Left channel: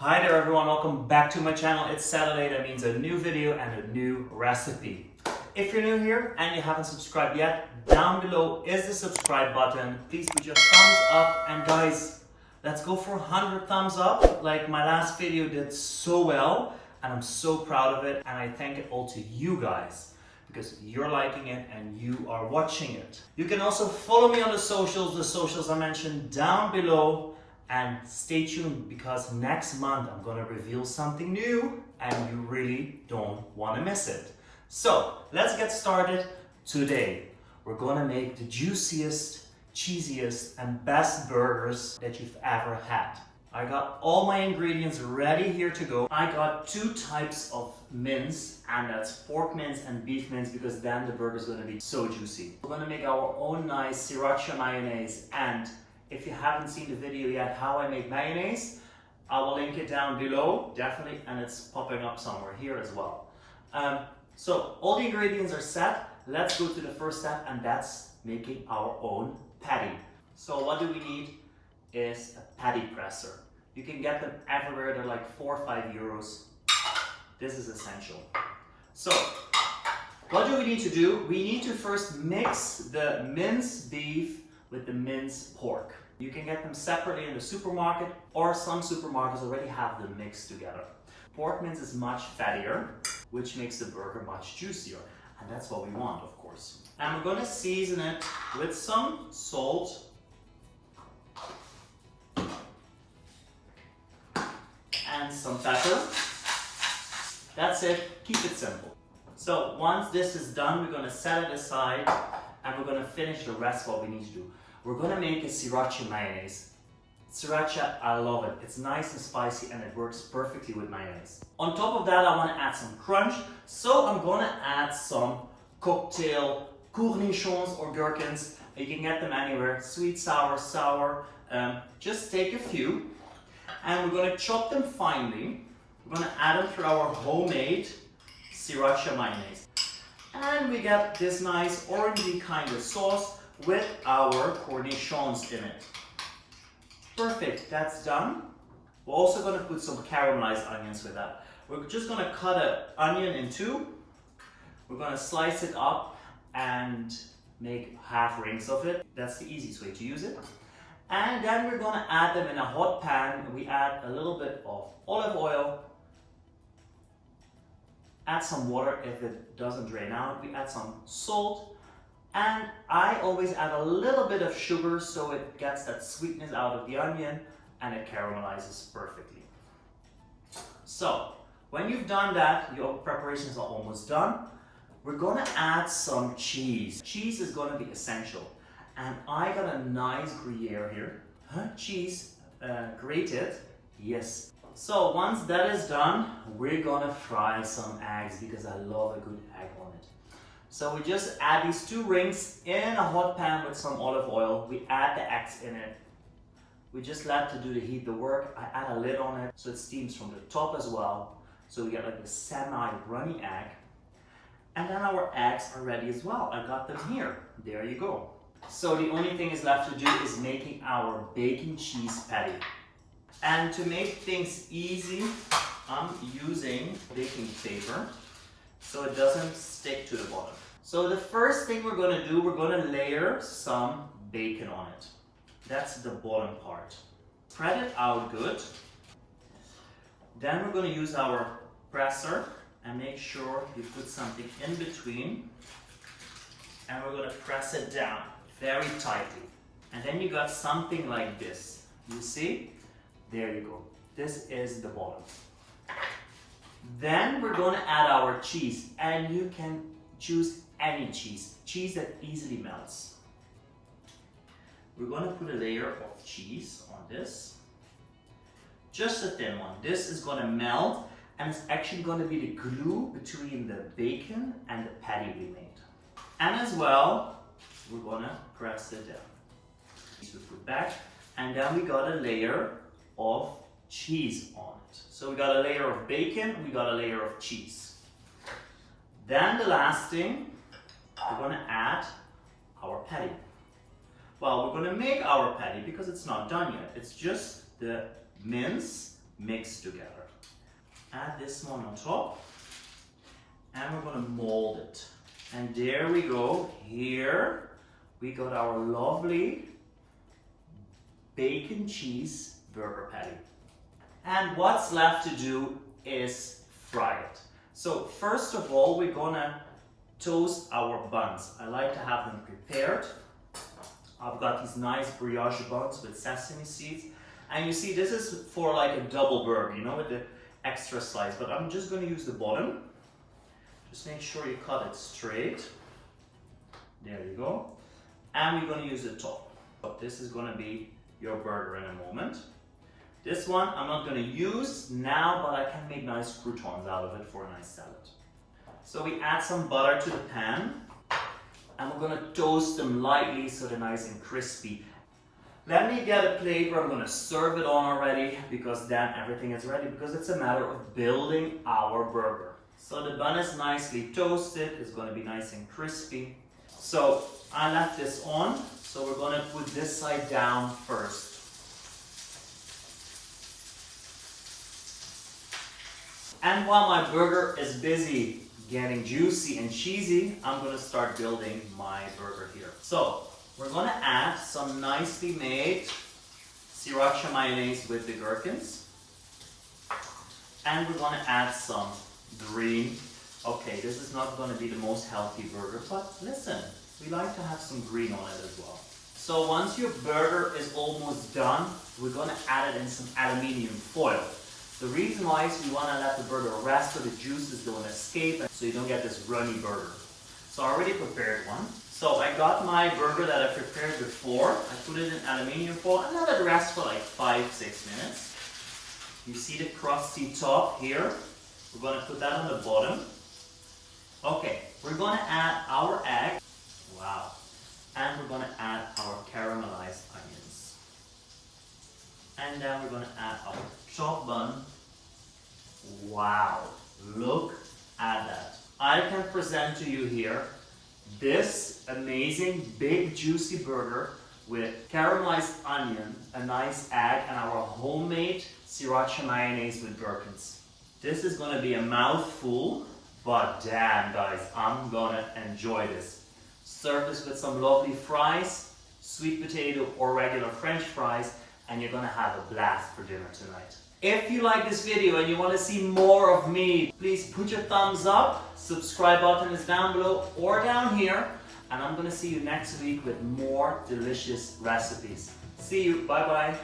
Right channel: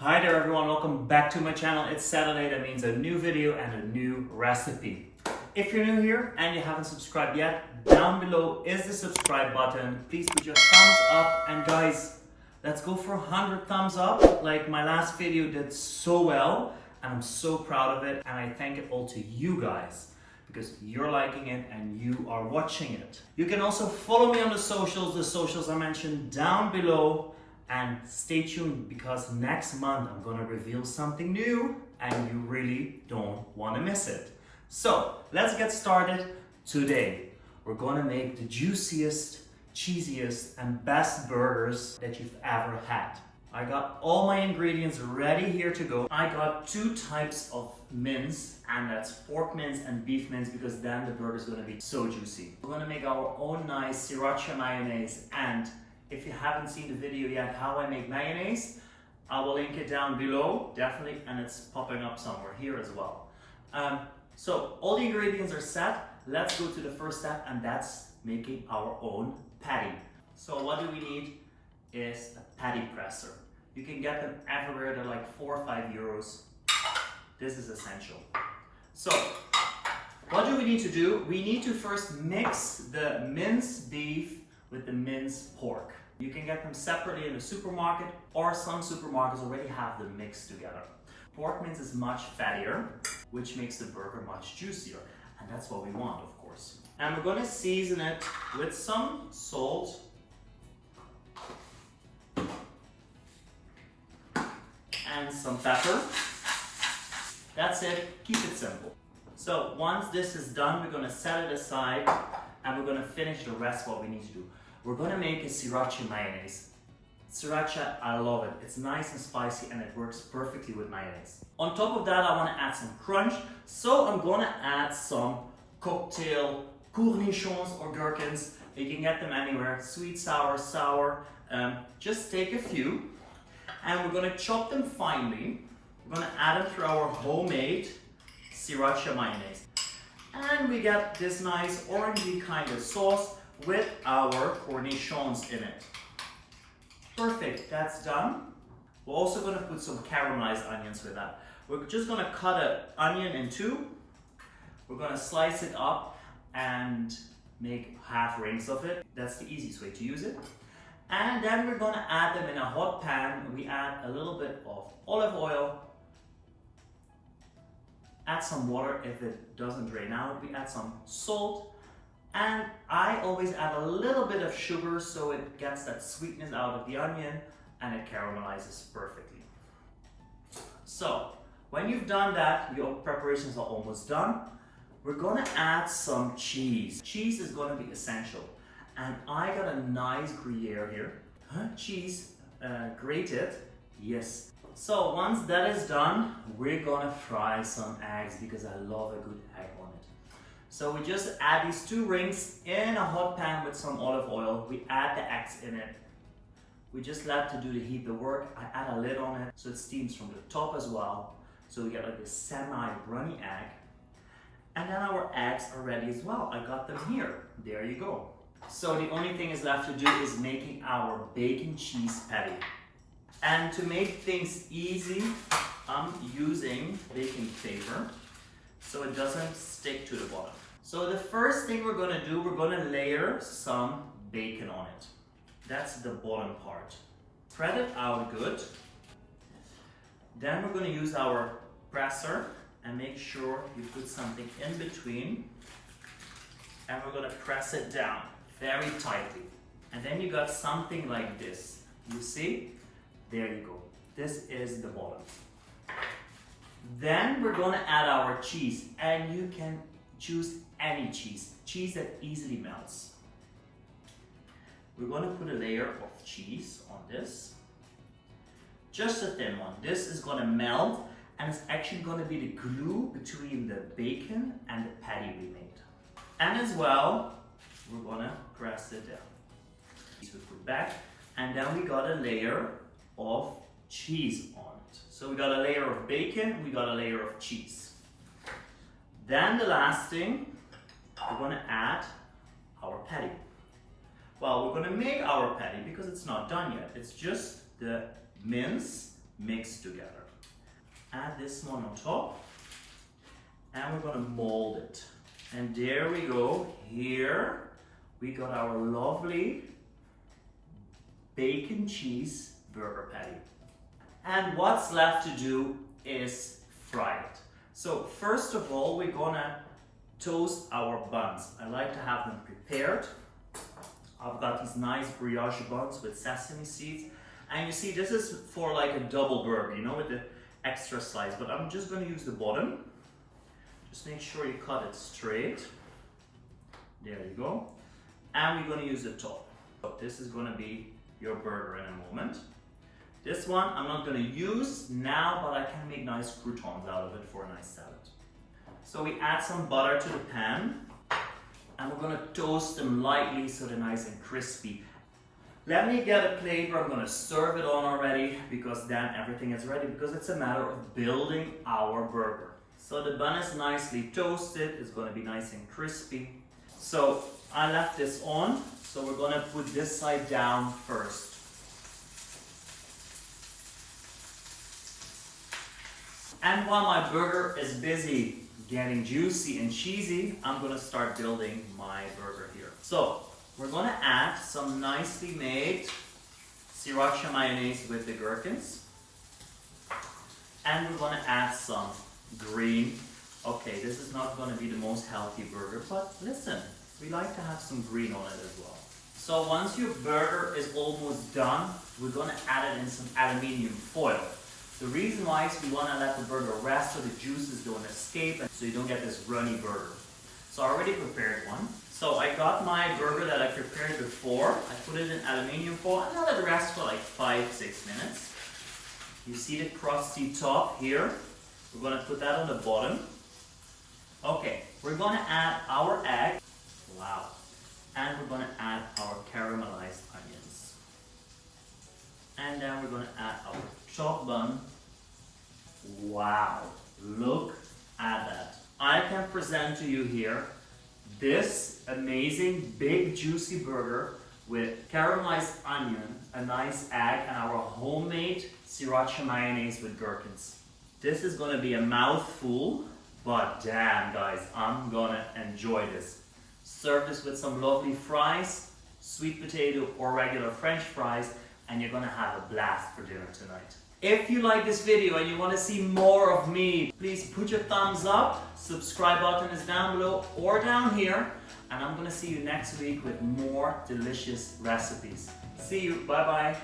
Hi there everyone, welcome back to my channel. It's Saturday, that means a new video and a new recipe. If you're new here and you haven't subscribed yet, down below is the subscribe button. Please put your thumbs up, and guys, let's go for 100 thumbs up. Like my last video did so well and I'm so proud of it, and I thank it all to you guys because you're liking it and you are watching it. You can also follow me on the socials I mentioned down below. And stay tuned because next month I'm gonna reveal something new and you really don't wanna miss it. So let's get started. Today we're gonna make the juiciest, cheesiest and best burgers that you've ever had. I got all my ingredients ready here to go. I got two types of mince, and that's pork mince and beef mince, because then the burger is gonna be so juicy. We're gonna make our own nice sriracha mayonnaise, and if you haven't seen the video yet how I make mayonnaise, I will link it down below, definitely, and it's popping up somewhere here as well. So all the ingredients are set. Let's go to the first step, and that's making our own patty. So what do we need is a patty presser. You can get them everywhere. They're like 4 or 5 euros. This is essential. So what do we need to do? We need to first mix the minced beef with the minced pork. You can get them separately in the supermarket, or some supermarkets already have them mixed together. Pork mince is much fattier, which makes the burger much juicier. And that's what we want, of course. And we're gonna season it with some salt and some pepper. That's it, keep it simple. So once this is done, we're gonna set it aside and we're gonna finish the rest what we need to do. We're gonna make a sriracha mayonnaise. Sriracha, I love it. It's nice and spicy and it works perfectly with mayonnaise. On top of that, I wanna add some crunch. So I'm gonna add some cocktail cornichons or gherkins. You can get them anywhere, sweet, sour. Just take a few and we're gonna chop them finely. We're gonna add them through our homemade sriracha mayonnaise. And we get this nice orangey kind of sauce with our cornichons in it. Perfect, that's done. We're also gonna put some caramelized onions with that. We're just gonna cut an onion in two. We're gonna slice it up and make half rings of it. That's the easiest way to use it. And then we're gonna add them in a hot pan. We add a little bit of olive oil. Add some water if it doesn't drain out. We add some salt. And I always add a little bit of sugar so it gets that sweetness out of the onion and it caramelizes perfectly. So when you've done that, your preparations are almost done. We're gonna add some cheese. Cheese is gonna be essential. And I got a nice Gruyere here. Cheese, grated, yes. So once that is done, we're gonna fry some eggs because I love a good egg on it. So we just add these two rings in a hot pan with some olive oil. We add the eggs in it. We just let to do the heat the work. I add a lid on it so it steams from the top as well. So we get like a semi-runny egg. And then our eggs are ready as well. I got them here. There you go. So the only thing is left to do is making our bacon cheese patty. And to make things easy, I'm using baking paper so it doesn't stick to the bottom. So the first thing we're gonna do, we're gonna layer some bacon on it. That's the bottom part. Spread it out good. Then we're gonna use our presser and make sure you put something in between. And we're gonna press it down very tightly. And then you got something like this. You see? There you go. This is the bottom. Then we're gonna add our cheese, and you can choose any cheese that easily melts. We're gonna put a layer of cheese on this, just a thin one. This is gonna melt, and it's actually gonna be the glue between the bacon and the patty we made. And as well, we're gonna press it down. So we put back, and then we got a layer of cheese on it. So we got a layer of bacon, we got a layer of cheese. Then the last thing, we're gonna add our patty. Well, we're gonna make our patty because it's not done yet. It's just the mince mixed together. Add this one on top, and we're gonna mold it. And there we go. Here we got our lovely bacon cheese burger patty. And what's left to do is fry it. So first of all, we're gonna toast our buns. I like to have them prepared. I've got these nice brioche buns with sesame seeds. And you see, this is for like a double burger, you know, with the extra slice. But I'm just gonna use the bottom. Just make sure you cut it straight. There you go. And we're gonna use the top. So this is gonna be your burger in a moment. This one I'm not gonna use now, but I can make nice croutons out of it for a nice salad. So we add some butter to the pan, and we're gonna toast them lightly so they're nice and crispy. Let me get a plate where I'm gonna serve it on already, because then everything is ready, because it's a matter of building our burger. So the bun is nicely toasted, it's gonna be nice and crispy. So I left this on, so we're gonna put this side down first. And while my burger is busy getting juicy and cheesy, I'm gonna start building my burger here. So we're gonna add some nicely made sriracha mayonnaise with the gherkins. And we're gonna add some green. Okay, this is not gonna be the most healthy burger, but listen, we like to have some green on it as well. So once your burger is almost done, we're gonna add it in some aluminium foil. The reason why is we want to let the burger rest so the juices don't escape and so you don't get this runny burger. So I already prepared one. So I got my burger that I prepared before. I put it in aluminium foil and let it rest for like 5-6 minutes. You see the crusty top here? We're going to put that on the bottom. Okay, we're going to add our egg. Wow. And we're going to add our caramelized onions. And then we're going to add our chopped bun. Wow, look at that. I can present to you here this amazing big juicy burger with caramelized onion, a nice egg, and our homemade sriracha mayonnaise with gherkins. This is gonna be a mouthful, but damn guys, I'm gonna enjoy this. Serve this with some lovely fries, sweet potato or regular French fries, and you're gonna have a blast for dinner tonight. If you like this video and you want to see more of me, please put your thumbs up. Subscribe button is down below or down here. And I'm going to see you next week with more delicious recipes. See you. Bye bye.